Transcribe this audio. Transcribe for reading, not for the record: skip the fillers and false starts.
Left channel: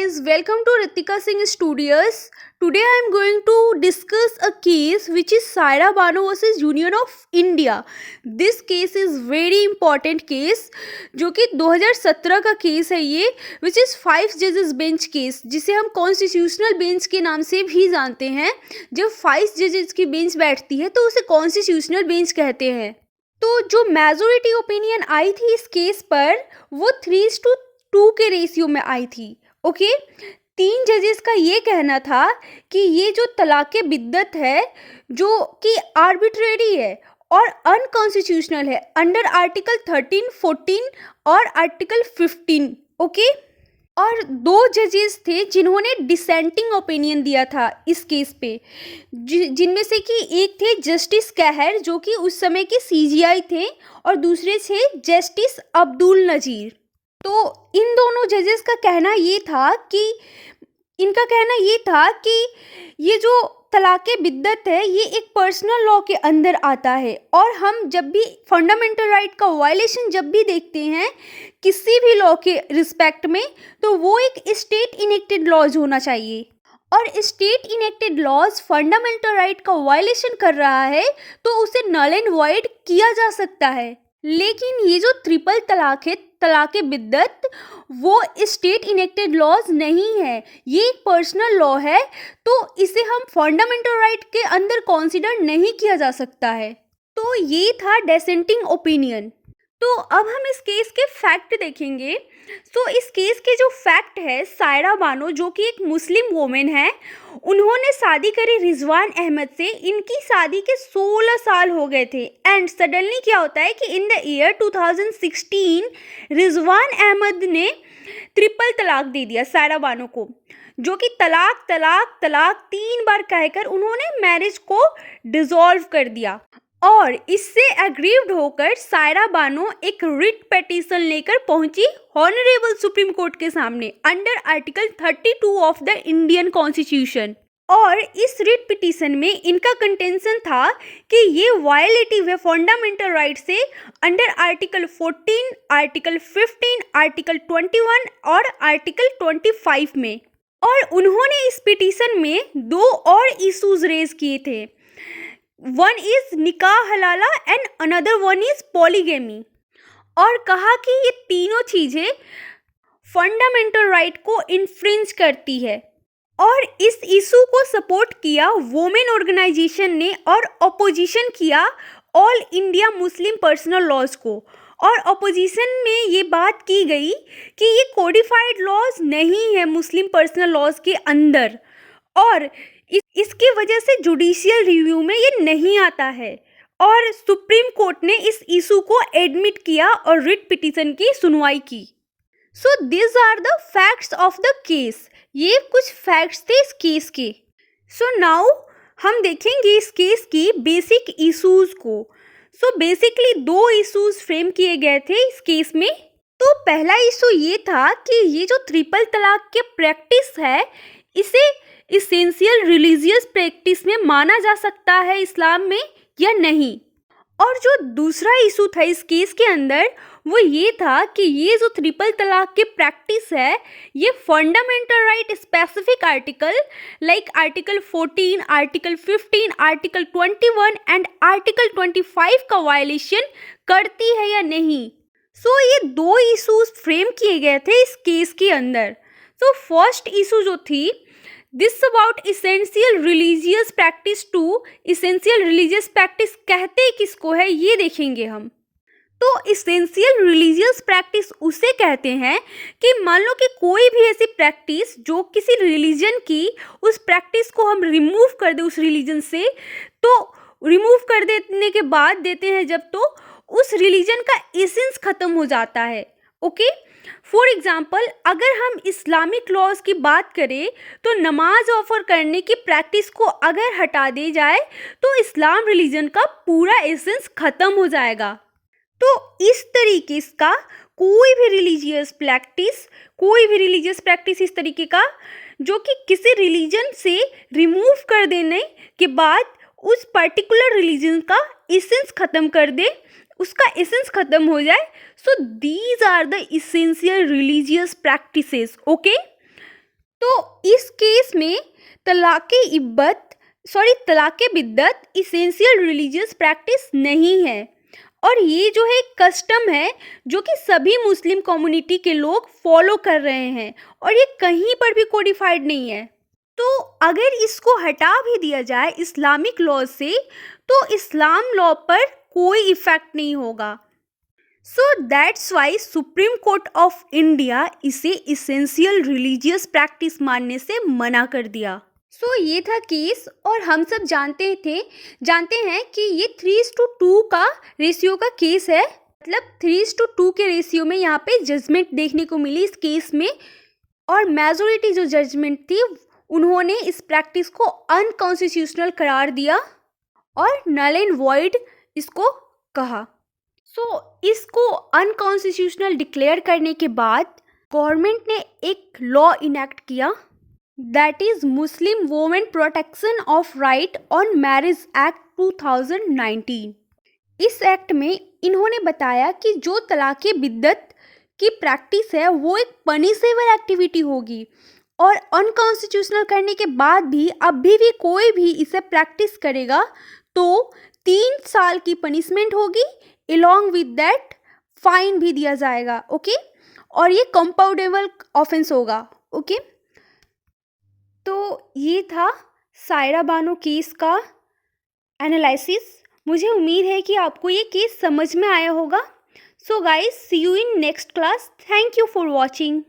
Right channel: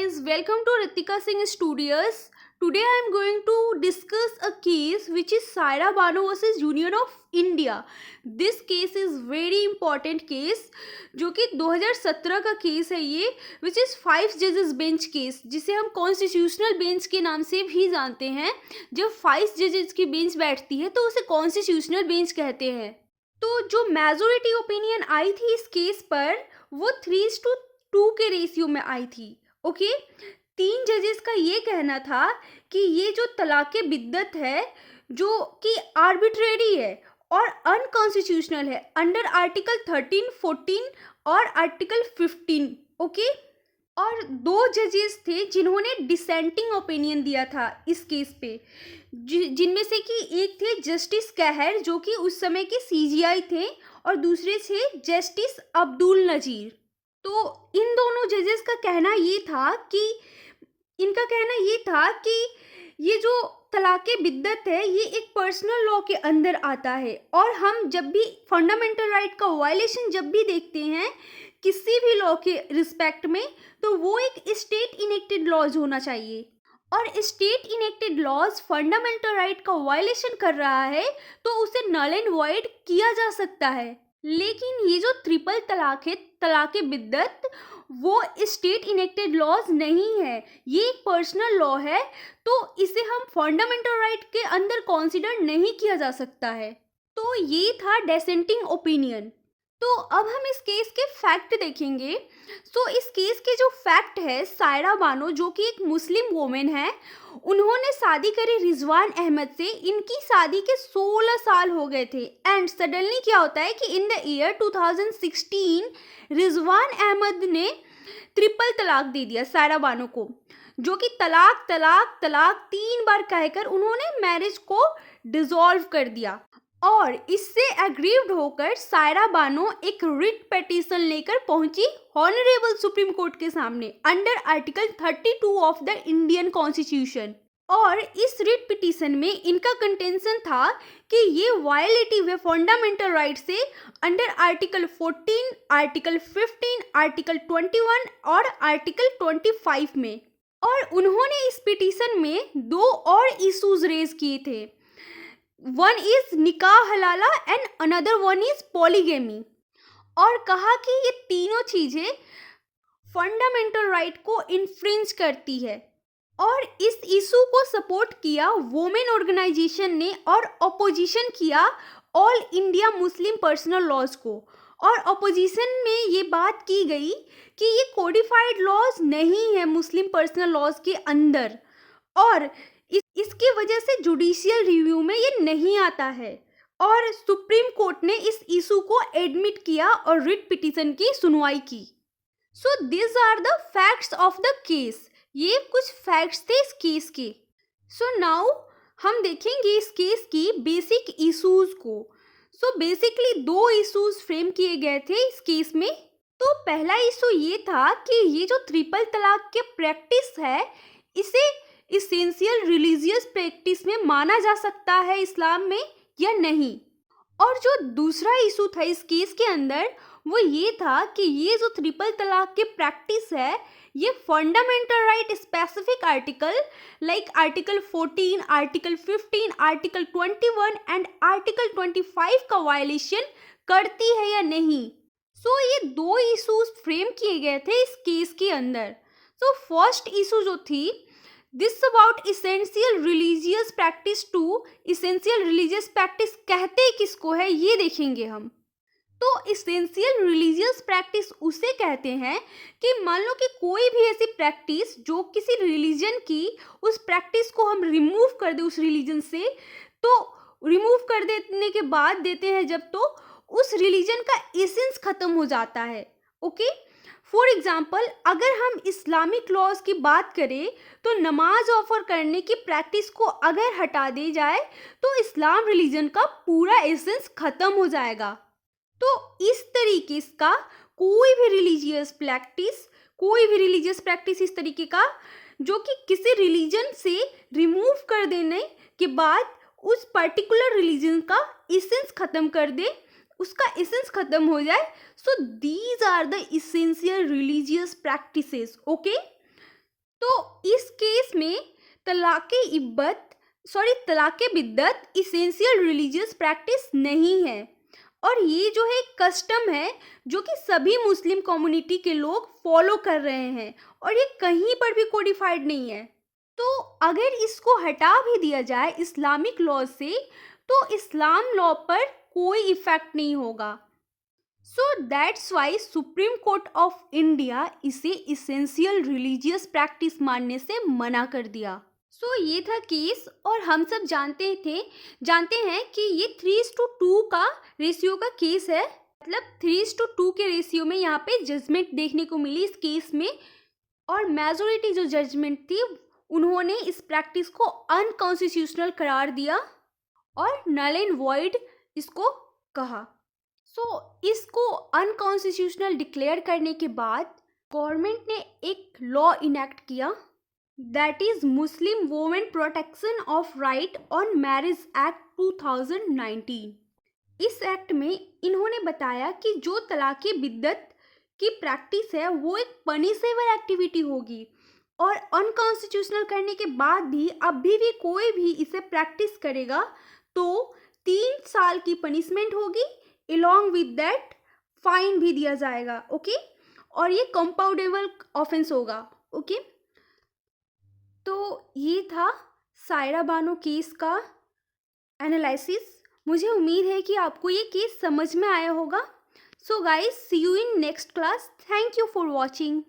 guys, welcome to Ritika Singh Studios. Today I am going to discuss a case which is Saira Bano versus Union of India. This case is very important case जो कि 2017 का case है ये, which is 5 judges bench case, जिसे हम constitutional bench के नाम से भी जानते हैं. जब 5 जजेस की बेंच बैठती है तो उसे कॉन्स्टिट्यूशनल बेंच कहते हैं. तो जो मेजोरिटी ओपिनियन आई थी इस केस पर वो 3:2 के रेशियो में आई थी. ओके, 3 जजेस का ये कहना था कि ये जो तलाक़े बिद्दत है जो कि आर्बिट्रेरी है और अनकॉन्स्टिट्यूशनल है अंडर आर्टिकल 13, 14 और आर्टिकल 15. ओके, और 2 जजेस थे जिन्होंने डिसेंटिंग ओपिनियन दिया था इस केस पे, जिनमें से कि एक थे जस्टिस कहर जो कि उस समय के सीजीआई थे और दूसरे थे जस्टिस अब्दुल नज़ीर. तो इन दोनों जजेस का कहना ये था कि ये जो तलाक़े बिद्दत है ये एक पर्सनल लॉ के अंदर आता है और हम जब भी फंडामेंटल राइट का वायलेशन जब भी देखते हैं किसी भी लॉ के रिस्पेक्ट में तो वो एक स्टेट इनेक्टेड लॉज होना चाहिए. और state enacted laws fundamental right का वायलेशन कर रहा है तो उसे नल एंड वॉइड किया जा सकता है. लेकिन ये जो ट्रिपल तलाक है, तलाक़े बिद्दत, वो स्टेट इनेक्टेड लॉज नहीं है, ये एक पर्सनल लॉ है तो इसे हम फंडामेंटल राइट के अंदर कंसीडर नहीं किया जा सकता है. तो ये था डिसेंटिंग ओपिनियन. तो अब हम इस केस के फैक्ट देखेंगे. तो इस केस के जो फैक्ट है, सायरा बानो जो कि एक मुस्लिम वोमेन है, उन्होंने शादी करी रिजवान अहमद से. इनकी शादी के 16 साल हो गए थे एंड सडनली क्या होता है कि in the year 2016 Rizwan Ahmed ने ट्रिपल तलाक दे दिया सायरा बानो को, जो कि तलाक तलाक तलाक 3 बार कहकर उन्होंने मैरिज को डिसॉल्व कर दिया. और इससे एग्रीव्ड होकर सायरा बानो एक रिट पिटीशन लेकर पहुंची ऑनरेबल सुप्रीम कोर्ट के सामने under article 32 of the Indian constitution. और इस रिट पिटीशन में इनका कंटेंशन था कि ये वायलेटिव है फंडामेंटल राइट से अंडर आर्टिकल 14, आर्टिकल 15, आर्टिकल 21 और आर्टिकल 25 में. और उन्होंने इस पिटीशन में 2 और इशूज रेज किए थे. वन इज निकाह हलाला and another one is polygamy. और कहा कि ये तीनों चीज़ें फंडामेंटल राइट को इन्फ्रिंज करती है. और इस इशू को सपोर्ट किया वोमेन ऑर्गेनाइजेशन ने और अपोजिशन किया all India Muslim personal laws को. और अपोजिशन में ये बात की गई कि ये कोडिफाइड लॉज नहीं है मुस्लिम पर्सनल लॉज के अंदर और इसकी वजह से जुडिशियल रिव्यू में ये नहीं आता है. और सुप्रीम कोर्ट ने इस इशू को एडमिट किया और रिट पिटीशन की सुनवाई की. So this are the facts of the case. ये कुछ फैक्ट्स थे इस केस के. सो नाउ हम देखेंगे इस केस की बेसिक इशूज़ को. सो बेसिकली 2 इशूज़ फ्रेम किए गए थे इस केस में. तो पहला इशू ये था कि ये जो ट्रिपल तलाक के प्रैक्टिस है इसे इसेंशियल रिलीजियस प्रैक्टिस में माना जा सकता है इस्लाम में या नहीं. और जो दूसरा इशू था इस केस के अंदर वो ये था कि ये जो ट्रिपल तलाक की प्रैक्टिस है ये fundamental right specific article like article 14, article 15, article 21 and article 25 का वायलेशन करती है या नहीं. सो ये 2 इशूज फ्रेम किए गए थे इस केस के अंदर. सो फर्स्ट इशू जो थी this about essential religious practice too. Essential religious practice कहते किसको है ये देखेंगे हम. तो इसेंशियल रिलीजियस प्रैक्टिस उसे कहते हैं कि मान लो कि कोई भी ऐसी प्रैक्टिस जो किसी रिलीजन की उस प्रैक्टिस को हम रिमूव कर दें उस रिलीजन से, तो रिमूव कर देने के बाद देते हैं जब तो उस रिलीजन का एसेंस खत्म हो जाता है. ओके, फॉर एग्जाम्पल अगर हम इस्लामिक लॉज की बात करें तो नमाज ऑफर करने की प्रैक्टिस को अगर हटा दी जाए तो इस्लाम रिलीजन का पूरा एसेंस खत्म हो जाएगा. तो इस तरीके का कोई भी रिलीजियस प्रैक्टिस इस तरीके का जो कि किसी रिलीजन से रिमूव कर देने के बाद उस पर्टिकुलर रिलीजन का एसेंस खत्म कर दे, उसका एसेंस खत्म हो जाए. So these are the essential religious practices. Okay. तो इस केस में तलाक़े बिद्दत इसेंशियल रिलीजियस प्रैक्टिस नहीं है, और ये जो है एक कस्टम है जो कि सभी मुस्लिम कम्युनिटी के लोग फॉलो कर रहे हैं, और ये कहीं पर भी कोडिफाइड नहीं है। तो अगर इसको हटा भी दिया जाए इस्लामिक लॉ से, तो इस्लाम लॉ पर कोई इफेक्ट नहीं होगा। So that's why supreme court of India इसे इसेंशियल रिलीजियस प्रैक्टिस मानने से मना कर दिया। सो ये था केस, और हम सब जानते हैं कि ये 3:2 का रेशियो का केस है। मतलब 3:2 के रेशियो में यहाँ पे जजमेंट देखने को मिली इस केस में, और मेजोरिटी जो जजमेंट थी उन्होंने इस प्रैक्टिस को अनकॉन्स्टिट्यूशनल करार दिया और नल एंड वॉइड इसको कहा। सो इसको अनकॉन्स्टिट्यूशनल डिक्लेयर करने के बाद गवर्नमेंट ने एक लॉ इनेक्ट किया, that is Muslim women protection of right on marriage act 2019। इस एक्ट में इन्होंने बताया कि जो तलाक़े बिद्दत की प्रैक्टिस है वो एक पनिशेबल एक्टिविटी होगी, और अनकॉन्स्टिट्यूशनल करने के बाद भी अभी भी कोई भी इसे प्रैक्टिस करेगा तो 3 साल की पनिशमेंट होगी, along with that फाइन भी दिया जाएगा। ओके, और ये कंपाउंडेबल ऑफेंस होगा। ओके, तो ये था सायरा बानो केस का एनालिसिस। मुझे उम्मीद है कि आपको ये केस समझ में आया होगा। So guys, see you in next class. Thank you for watching.